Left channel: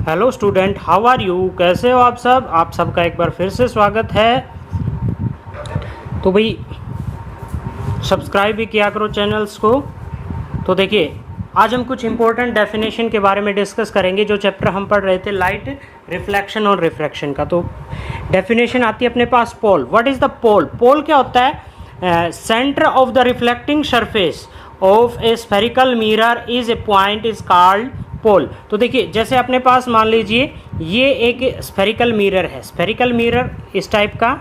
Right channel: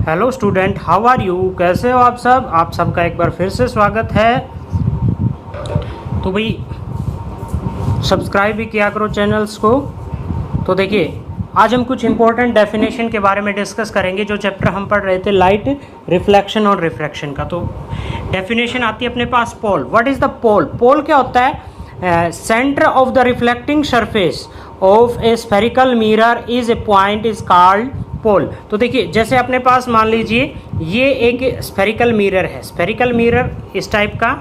Hello student, how are you? कैसे हो आप सब? आप सबका एक बार फिर से स्वागत है। तो भाई सब्सक्राइब भी किया करो चैनल्स को। तो देखिए, आज हम कुछ इंपॉर्टेंट डेफिनेशन के बारे में डिस्कस करेंगे। जो चैप्टर हम पढ़ रहे थे लाइट, रिफ्लेक्शन और रिफ्रैक्शन का, तो डेफिनेशन आती है अपने पास pole. What is the pole? Pole क्या होता है? Centre of the reflecting surface of a spherical mirror is a point is called pole. तो देखिए, जैसे अपने पास मान लीजिए ये एक स्फेरिकल मिरर है। स्फेरिकल मिरर इस टाइप का,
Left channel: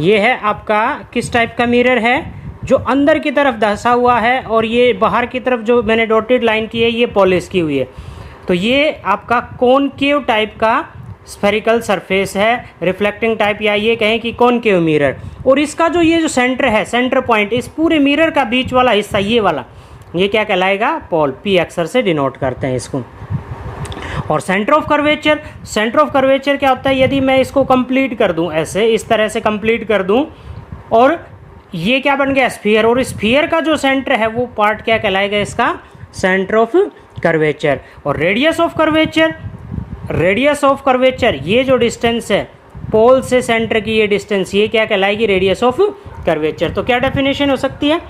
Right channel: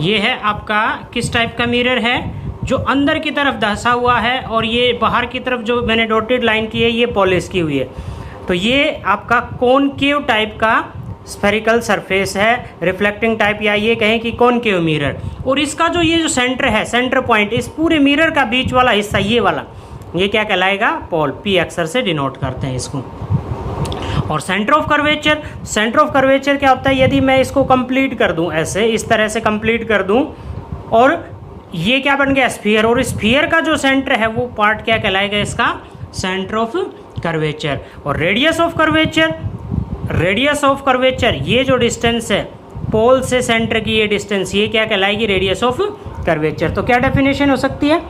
ये है आपका किस टाइप का मिरर है? जो अंदर की तरफ धंसा हुआ है, और ये बाहर की तरफ जो मैंने डॉटेड लाइन की है ये पॉलिश की हुई है। तो ये आपका कॉनकेव टाइप का स्फेरिकल सरफेस है, रिफ्लेक्टिंग टाइप, या ये कहें कि कॉनकेव मिरर। और इसका जो ये जो सेंटर है, सेंटर पॉइंट, इस पूरे मिरर का बीच वाला हिस्सा ये वाला, ये क्या कहलाएगा? पोल। पी अक्षर से डिनोट करते हैं इसको। और centre of curvature, centre of curvature क्या होता है? यदि मैं इसको कंप्लीट कर दूं, ऐसे इस तरह से कंप्लीट कर दूं, और ये क्या बन गया? स्फीयर। और स्फीयर का जो सेंटर है वो पार्ट क्या कहलाएगा? इसका सेंटर ऑफ कर्वेचर। और radius of curvature, radius of curvature, ये जो डिस्टेंस है पोल से सेंटर की, ये डिस्टेंस, ये क्या कहलाएगी? Radius of curvature. तो क्या डेफिनेशन हो सकती है?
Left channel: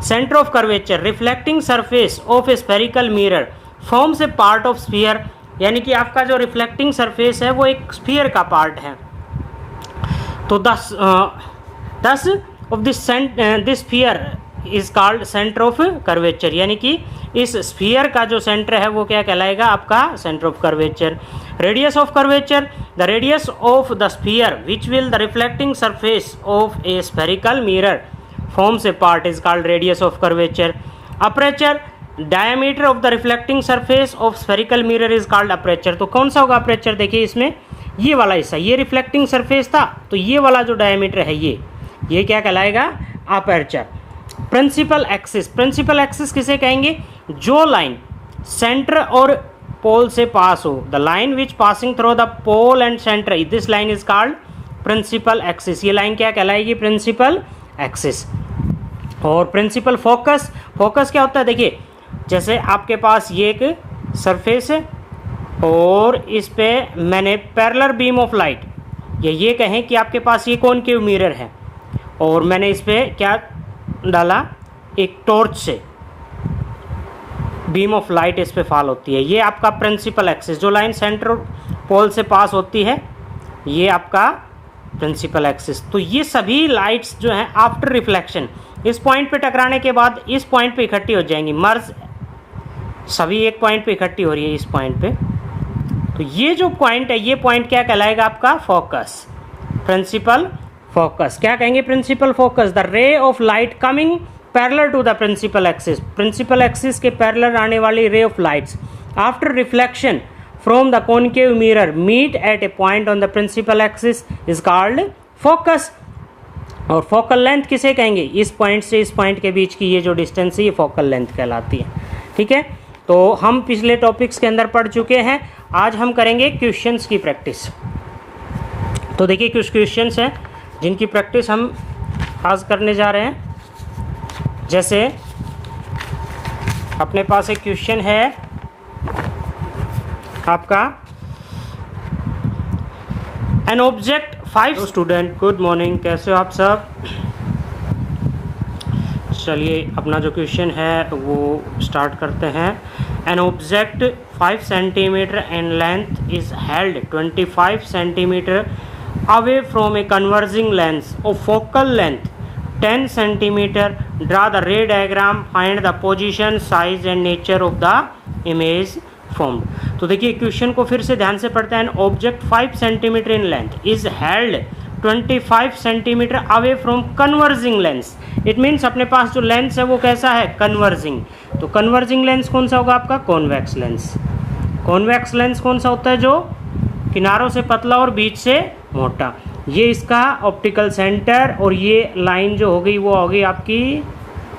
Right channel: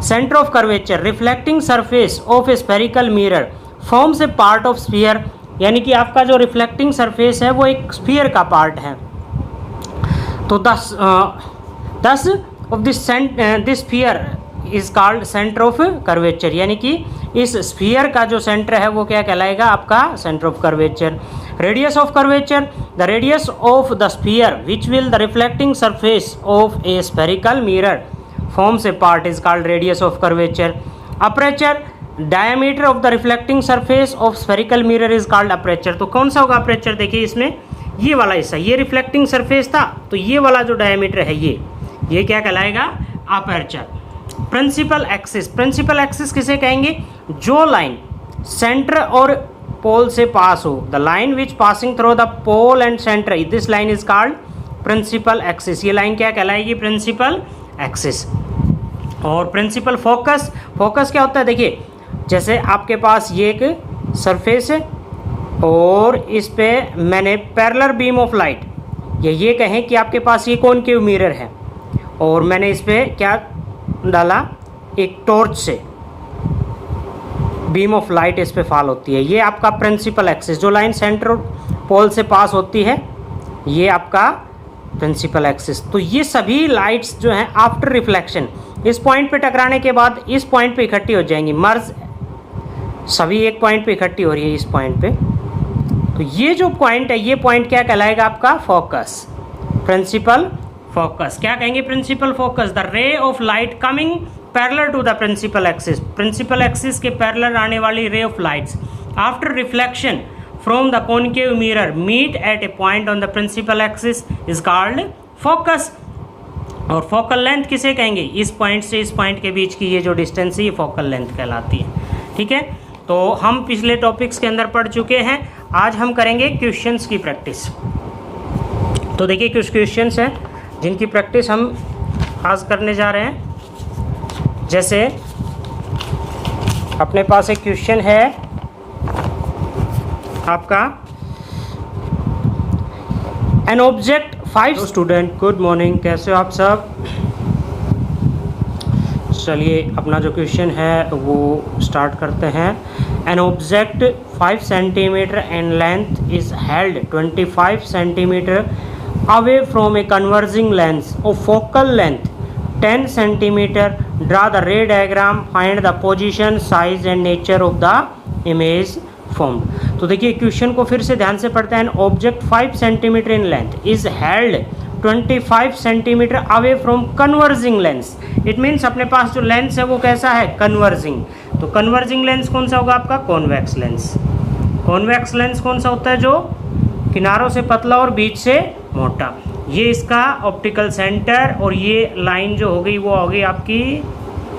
Centre of curvature, reflecting surface of a spherical mirror forms a part of sphere. यानी कि आपका जो रिफ्लेक्टिंग सरफेस है वो एक स्फीयर का पार्ट है। तो दस of this sphere is called centre of curvature. यानी कि इस स्फीयर का जो सेंटर है वो क्या कहलाएगा? आपका centre of curvature. Radius of curvature, the radius of the sphere which will the reflecting surface of a spherical mirror forms a part is called radius of curvature. Aperture, diameter of the reflecting surface of spherical mirror is called aperture. तो कौन सा होगा aperture? देखिए इसमें ये वाला हिस्सा, ये रिफ्लेक्टिंग सरफेस था, तो ये वाला जो डायमीटर है ये क्या कहलाएगा? aperture. Principal axis, principal axis किसे कहेंगे? जो लाइन सेंटर और पोल से पास हो, the line which passing through the pole and centre, this line is called principal axis. ये लाइन क्या कहलाएगी? Principal axis. और प्रिंसिपल फोकस, फोकस क्या होता है? देखिए, जैसे आपके पास ये एक सरफेस है और इस पे मैंने पैरेलल बीम ऑफ लाइट, ये कहें कि आपके पास ये कॉनकेव मिरर है, और मैंने इस पे क्या डाला? एक टॉर्च से बीम ऑफ लाइट इस पे फॉल होती है। ये आपका प्रिंसिपल एक्सिस, जो लाइन सेंटर पोल से पास होती है, ये आपका प्रिंसिपल एक्सिस। तो ये सभी लाइट्स जो हैं आफ्टर रिफ्लेक्शन इस पॉइंट पे टकराने के बाद इस पॉइंट पे इकट्ठी हो जाएंगी, मर्ज, सभी एक पॉइंट पे इकट्ठी हो रही है इस पॉइंट पे। तो ये जो पॉइंट है, ये पॉइंट क्या कहलाएगा? आपका फोकस, प्रिंसिपल फोकस। क्या कहेंगे? Principal focus. The ray of light coming parallel to the principal axis, principal axis के पैरेलल आने वाली ray of lights after reflection from the concave mirror meet at a point on the principal axis is called focus. और focal length किसे कहेंगे? इस point से इस point के बीच की ये जो डिस्टेंस है ये फोकल लेंथ कहलाती है। ठीक है, तो हम पिछले टॉपिक्स के अंदर पढ़ चुके हैं। आज हम करेंगे क्वेश्चंस की प्रैक्टिस। तो देखिए, कुछ क्वेश्चंस हैं जिनकी प्रैक्टिस हम आज करने जा रहे हैं। जैसे अपने पास एक क्वेश्चन है आपका, an object 5। Student good morning, कैसे हो आप सब? चलिए अपना जो क्वेश्चन है वो स्टार्ट करते हैं। An object 5 centimetre in length is held 25 centimetre away from a converging lens of focal length 10 centimetre. Draw the रे diagram, find the position, size and nature of the image formed. तो देखिए question को फिर से ध्यान से पढ़ते हैं। Object 5 centimetre in length is held 25 centimetre away from converging lens. It means अपने पास जो लेंस है वो कैसा है? कन्वर्जिंग। तो कन्वर्जिंग लेंस कौन सा होगा? आपका कॉन्वेक्स लेंस। कॉन्वेक्स लेंस कौन सा होता है? जो किनारों से पतला और बीच से मोटा। ये इसका ऑप्टिकल सेंटर, और ये लाइन जो हो गई वो हो गई आपकी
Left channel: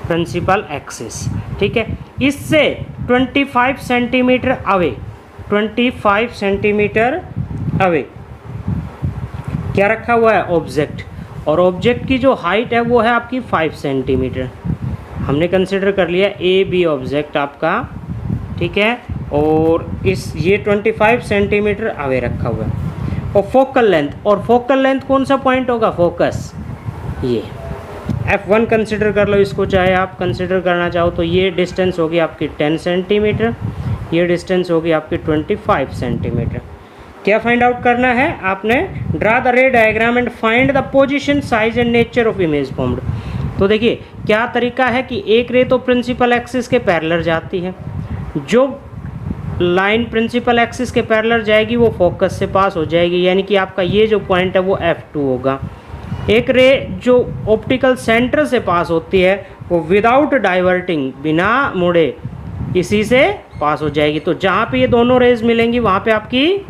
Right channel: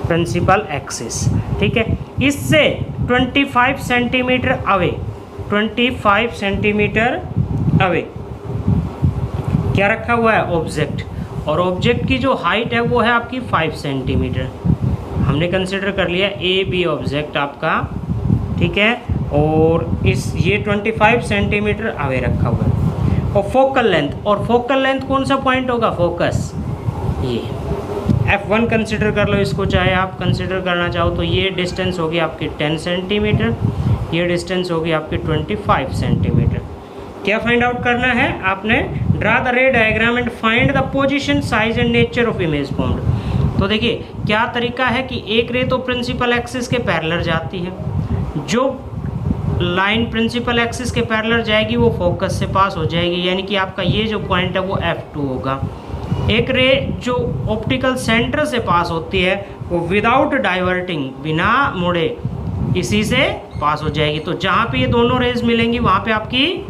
प्रिंसिपल एक्सिस। ठीक है, इससे 25 सेंटीमीटर अवे, 25 सेंटीमीटर अवे क्या रखा हुआ है? ऑब्जेक्ट। और ऑब्जेक्ट की जो हाइट है वो है आपकी 5 सेंटीमीटर। हमने कंसिडर कर लिया ए बी ऑब्जेक्ट आपका, ठीक है। और इस ये 25 सेंटीमीटर अवे रखा हुआ है। और फोकल लेंथ कौन सा पॉइंट होगा, फोकस, ये F1 कंसिडर कर लो इसको, चाहे आप कंसिडर करना चाहो तो ये डिस्टेंस होगी आपकी 10 सेंटीमीटर, ये डिस्टेंस होगी आपकी 25 सेंटीमीटर। क्या फाइंड आउट करना है आपने, ड्रा द रे diagram and find the position, size and nature of image formed. तो देखिए क्या तरीका है कि एक रे तो प्रिंसिपल एक्सिस के पैरेलल जाती है, जो लाइन प्रिंसिपल एक्सिस के पैरेलल जाएगी वो फोकस से पास हो जाएगी, यानी कि आपका ये जो पॉइंट है वो F2 होगा। एक रे जो ऑप्टिकल सेंटर से पास होती है वो विदाउट डाइवर्टिंग, बिना मुड़े इसी से पास हो जाएगी। तो जहाँ पे ये दोनों रेज मिलेंगी वहाँ पे आपकी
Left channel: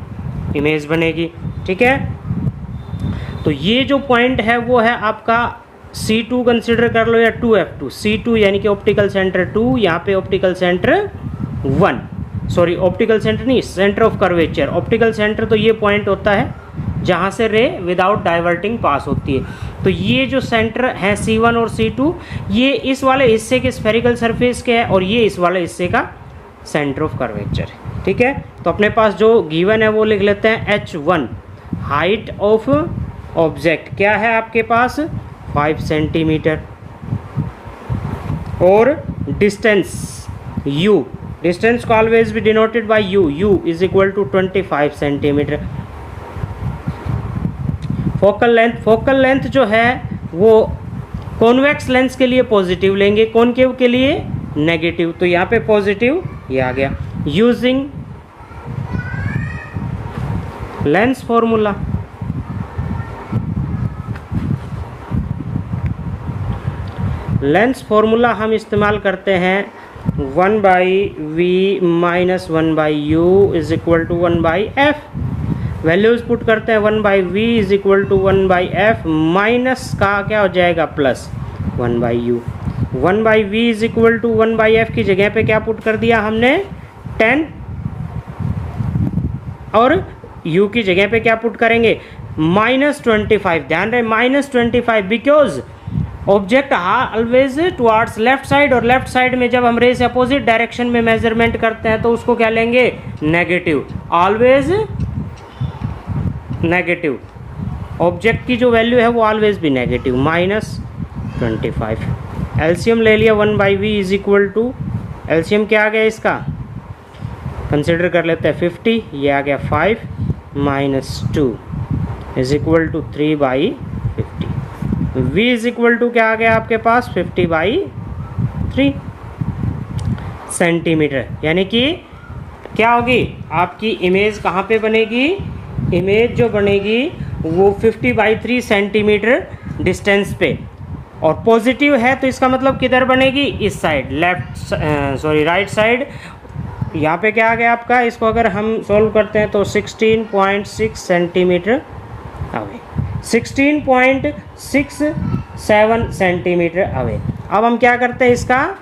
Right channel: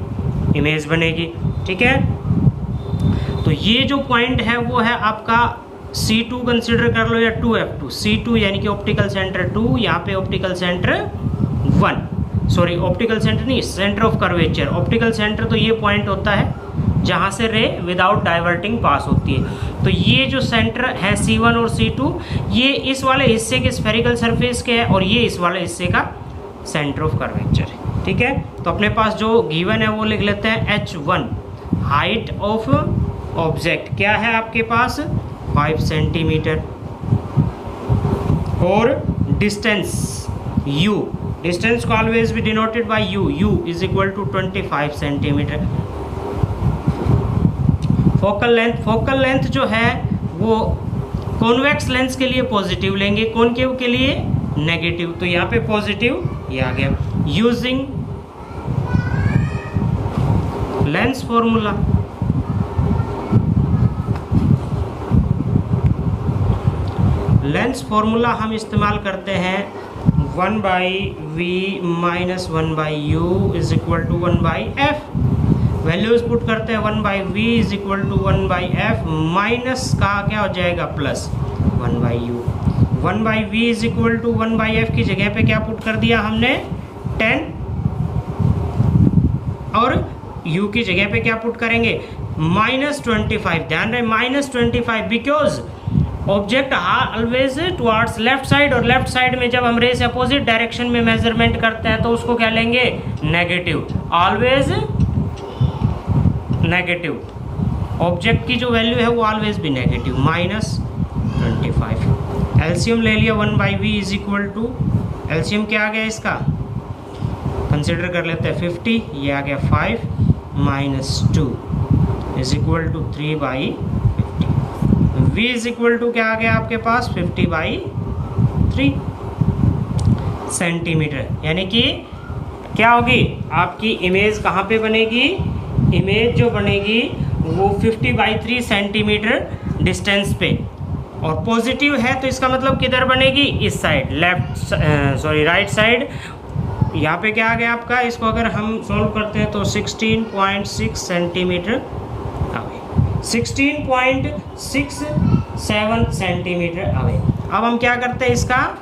इमेज बनेगी, ठीक है। तो ये जो पॉइंट है वो है आपका C2 कंसिडर कर लो या 2F2, C2 यानी कि ऑप्टिकल सेंटर 2, यहाँ पे optical centre 1, sorry optical centre नहीं, centre of curvature. Optical centre तो ये पॉइंट होता है जहाँ से रे विदाउट डाइवर्टिंग पास होती है। तो ये जो सेंटर है C1 और C2, ये इस वाले हिस्से के स्फेरिकल सरफेस के है और ये इस वाले हिस्से का सेंटर ऑफ कर्वेचर है, ठीक है। तो अपने पास जो गिवन है वो लिख लेते हैं, H1 हाइट ऑफ ऑब्जेक्ट क्या है आपके पास 5 सेंटीमीटर, और डिस्टेंस U, डिस्टेंस को always be denoted by U is equal to 25 centimetre. Focal length जो है वो कॉन्वेक्स लेंस के लिए पॉजिटिव लेंगे, कॉनकेव के लिए नेगेटिव, तो यहाँ पे पॉजिटिव ये आ गया। Using lens formula, lens formula हम इस्तेमाल करते हैं 1/v minus 1/u is equal to 1/f। Values put करते हैं 1/v is equal to 1/f minus का क्या हो जाएगा plus 1/u। 1/v is equal to 1/f की जगह पे क्या पुट कर दिया हमने 10, और u की जगह पे क्या पुट करेंगे -25। ध्यान रहे -25, because object always towards left side, और लेफ्ट साइड में जब हम रे से अपोजिट डायरेक्शन में मेजरमेंट करते हैं तो उसको क्या लेंगे नेगेटिव, ऑलवेज नेगेटिव। ऑब्जेक्ट की जो वैल्यू है वो ऑलवेज भी नेगेटिव, -25। एलसीएम ले लिया 1/v is equal to, LCM क्या आ गया इसका कंसिडर कर लेते हैं 50, ये आ गया 5 - 2 is equal to 3/50। v is equal to क्या आ गया आपके पास 50/3 सेंटीमीटर। यानी कि क्या होगी आपकी इमेज कहाँ पे बनेगी, इमेज जो बनेगी वो 50/3 सेंटीमीटर डिस्टेंस पे, और पॉजिटिव है तो इसका मतलब किधर बनेगी इस साइड, राइट साइड। यहाँ पे क्या आ गया आपका, इसको अगर हम सॉल्व करते हैं तो 16.6 सेंटीमीटर अवे, 16.67 सेंटीमीटर अवे। अब हम क्या करते हैं, इसका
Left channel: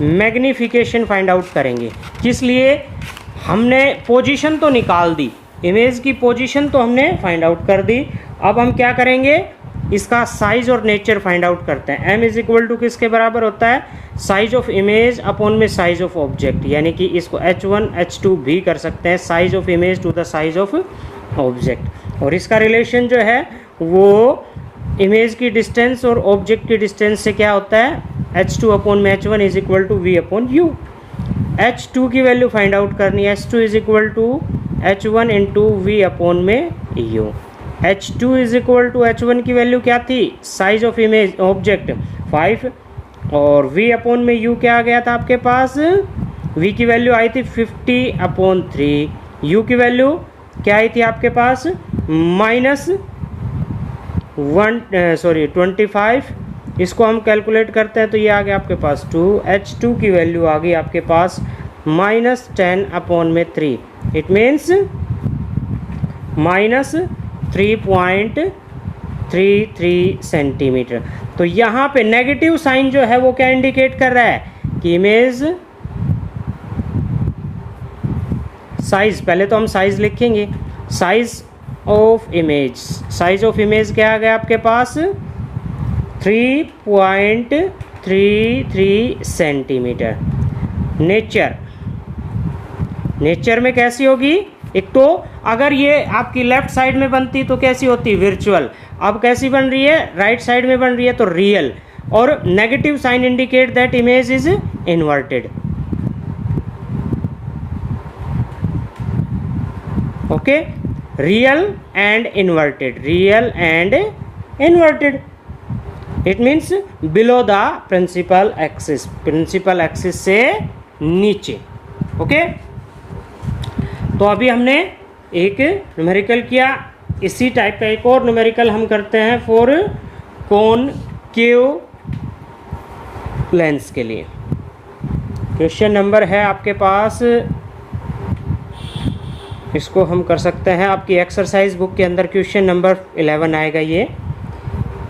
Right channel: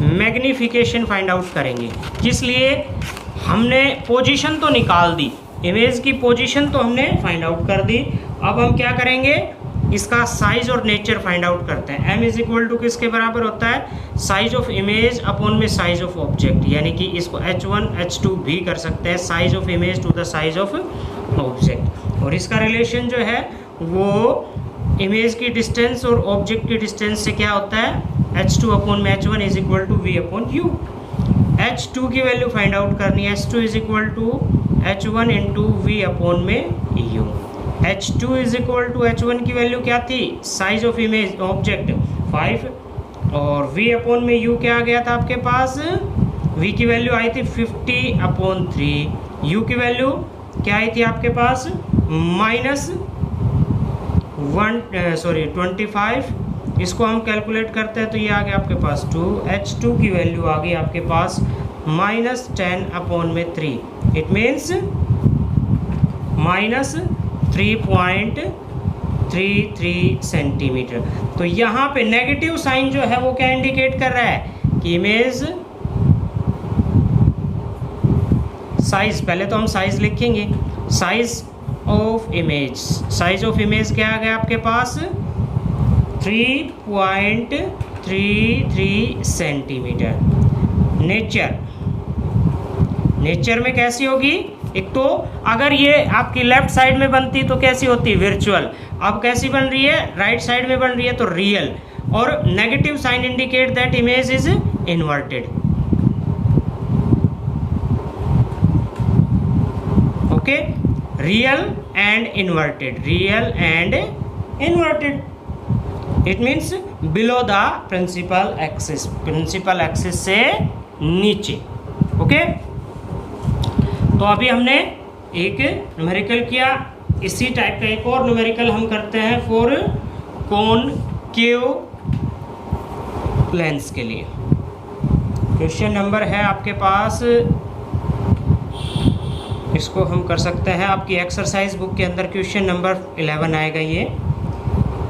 मैग्निफिकेशन फाइंड आउट करेंगे। किस लिए, हमने पोजीशन तो निकाल दी, इमेज की पोजीशन तो हमने फाइंड आउट कर दी। अब हम क्या करेंगे, इसका साइज और नेचर फाइंड आउट करते हैं। m इज इक्वल टू किसके बराबर होता है, साइज ऑफ इमेज अपॉन में साइज ऑफ ऑब्जेक्ट, यानी कि इसको h1 h2 भी कर सकते हैं, size of image to the size of object. और इसका रिलेशन जो है वो इमेज की डिस्टेंस और ऑब्जेक्ट की डिस्टेंस से क्या होता है, h2 अपॉन में h1 is equal to v upon u। h2 की वैल्यू फाइंड आउट करनी है, h2 is equal to h1 into v upon में u। h2 is equal to h1 की वैल्यू क्या थी, साइज ऑफ इमेज ऑब्जेक्ट 5, और v upon में u क्या आ गया था आपके पास, v की वैल्यू आई थी 50/3, u की वैल्यू क्या आई थी आपके पास -25। इसको हम कैलकुलेट करते हैं तो ये आ गया आपके पास 2, h2 की वैल्यू आ गई आपके पास -10/3, इट मीन्स -3.33 सेंटीमीटर। तो यहाँ पे नेगेटिव साइन जो है वो क्या इंडिकेट कर रहा है कि इमेज साइज, पहले तो हम साइज लिखेंगे, size of image, size of image क्या आ गया आपके पास 3.33 सेंटीमीटर। नेचर, नेचर में कैसी होगी, एक तो अगर ये आपकी लेफ्ट साइड में बनती तो कैसी होती, वर्चुअल, अब कैसी बन रही है, राइट साइड में बन रही है तो रियल, और negative sign indicate that image is inverted. Okay, real and inverted, real and inverted, it means below the principal axis, principal axis से नीचे। ओके, तो अभी हमने एक न्यूमेरिकल किया, इसी टाइप का एक और न्यूमेरिकल हम करते हैं फॉर कॉनकेव लेंस के लिए। क्वेश्चन नंबर है आपके पास, इसको हम कर सकते हैं, आपकी एक्सरसाइज बुक के अंदर क्वेश्चन नंबर 11 आएगा। ये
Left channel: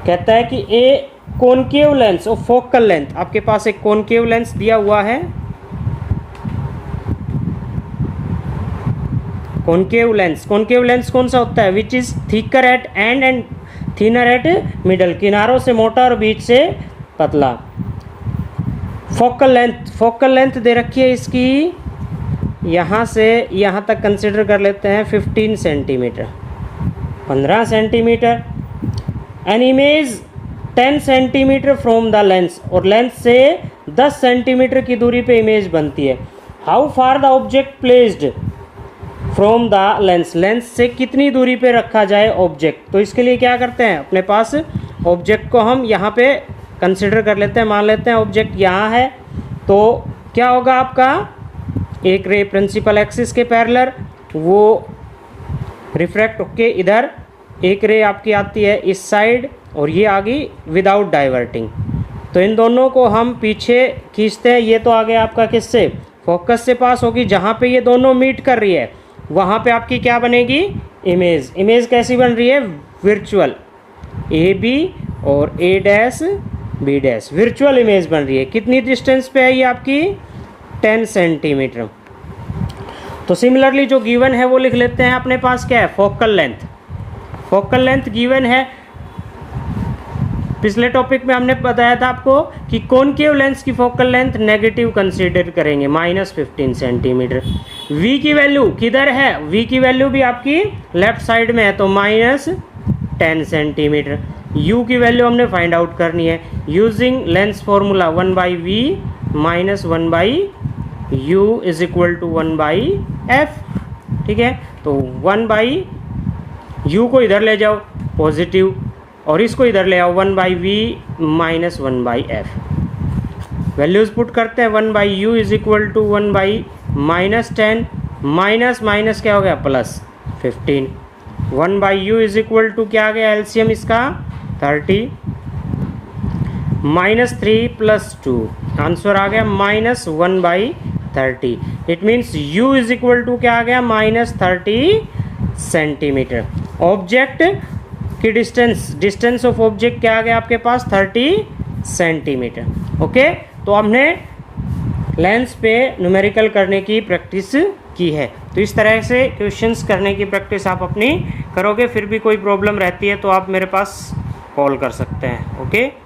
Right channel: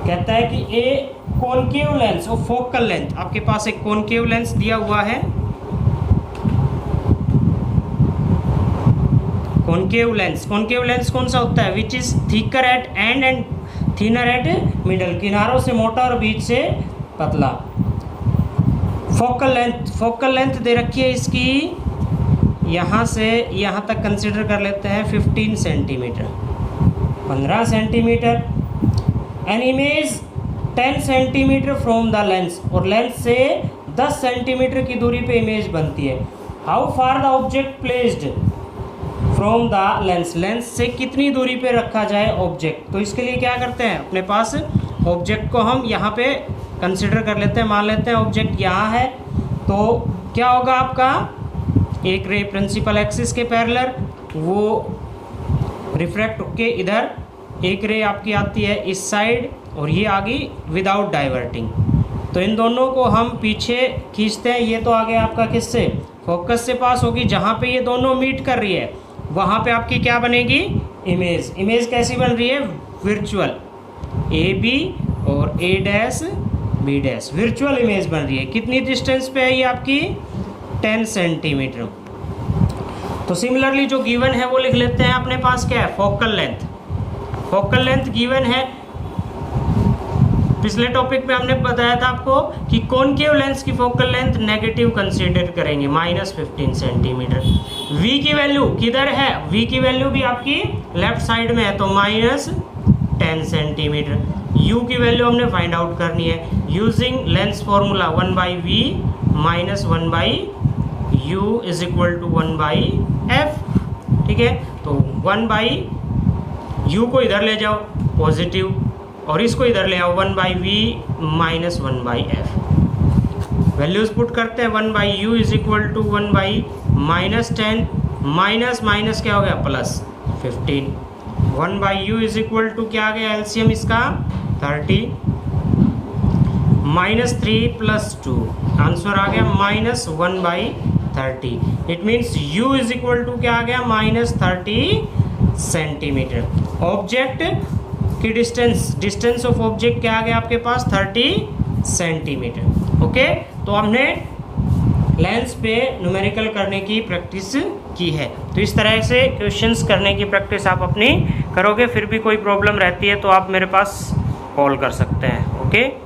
कहता है कि ए कॉनकेव लेंस और फोकल लेंथ, आपके पास एक कॉनकेव लेंस दिया हुआ है, कॉनकेव लेंस, कॉनकेव लेंस कौन सा होता है, which is thicker at and and thinner eight middle, किनारों से मोटा और बीच से पतला। फोकल लेंथ, फोकल लेंथ दे रखी है इसकी, यहाँ से यहाँ तक कंसिडर कर लेते हैं 15 centimetre, 15 centimetre. An image 10 centimetre from the lens, और लेंस से 10 सेंटीमीटर की दूरी पे इमेज बनती है। How far the object placed from the lens, lens से कितनी दूरी पे रखा जाए ऑब्जेक्ट। तो इसके लिए क्या करते हैं, अपने पास ऑब्जेक्ट को हम यहाँ पे कंसिडर कर लेते हैं, मान लेते हैं ऑब्जेक्ट यहाँ है, तो क्या होगा आपका, एक रे प्रिंसिपल एक्सिस के पैरेलल, वो रिफ्रैक्ट होके इधर एक रे आपकी आती है इस साइड, और ये आ गई विदाउट डाइवर्टिंग। तो इन दोनों को हम पीछे खींचते हैं, ये तो आ गया आपका किससे, फोकस से पास होगी, जहाँ पे ये दोनों मीट कर रही है वहाँ पे आपकी क्या बनेगी, इमेज। इमेज कैसी बन रही है, वर्चुअल, ए बी और A dash B dash, virtual image बन रही है। कितनी डिस्टेंस पे है ये आपकी, 10 सेंटीमीटर। तो सिमिलरली जो गिवन है वो लिख लेते हैं, अपने पास क्या है, focal length, focal length given है। पिछले टॉपिक में हमने बताया था आपको कि कॉनकेव लेंस की फोकल लेंथ नेगेटिव कंसीडर करेंगे, -15 सेंटीमीटर। v की वैल्यू किधर है, v की वैल्यू भी आपकी लेफ्ट साइड में है, तो -10 सेंटीमीटर। u की वैल्यू हमने फाइंड आउट करनी है using lens formula 1/v - 1/u is equal to 1/f। ठीक है, तो 1/u को इधर ले जाओ पॉजिटिव, और इसको इधर ले आओ 1/v - 1/f। वैल्यूज पुट करते हैं, 1/u is equal to 1/-10, minus क्या हो गया, +15। 1/u इज इक्वल टू क्या आ गया, एलसीएम इसका 30, -3 + 2, आंसर आ गया -1/30। It means u is equal to क्या आ गया, -30 सेंटीमीटर। ऑब्जेक्ट की डिस्टेंस ऑफ ऑब्जेक्ट क्या आ गया आपके पास, 30 सेंटीमीटर। ओके, तो हमने लेंस पे न्यूमेरिकल करने की प्रैक्टिस की है। तो इस तरह से क्वेश्चंस करने की प्रैक्टिस आप अपनी करोगे, फिर भी कोई प्रॉब्लम रहती है तो आप मेरे पास कॉल कर सकते हैं। ओके।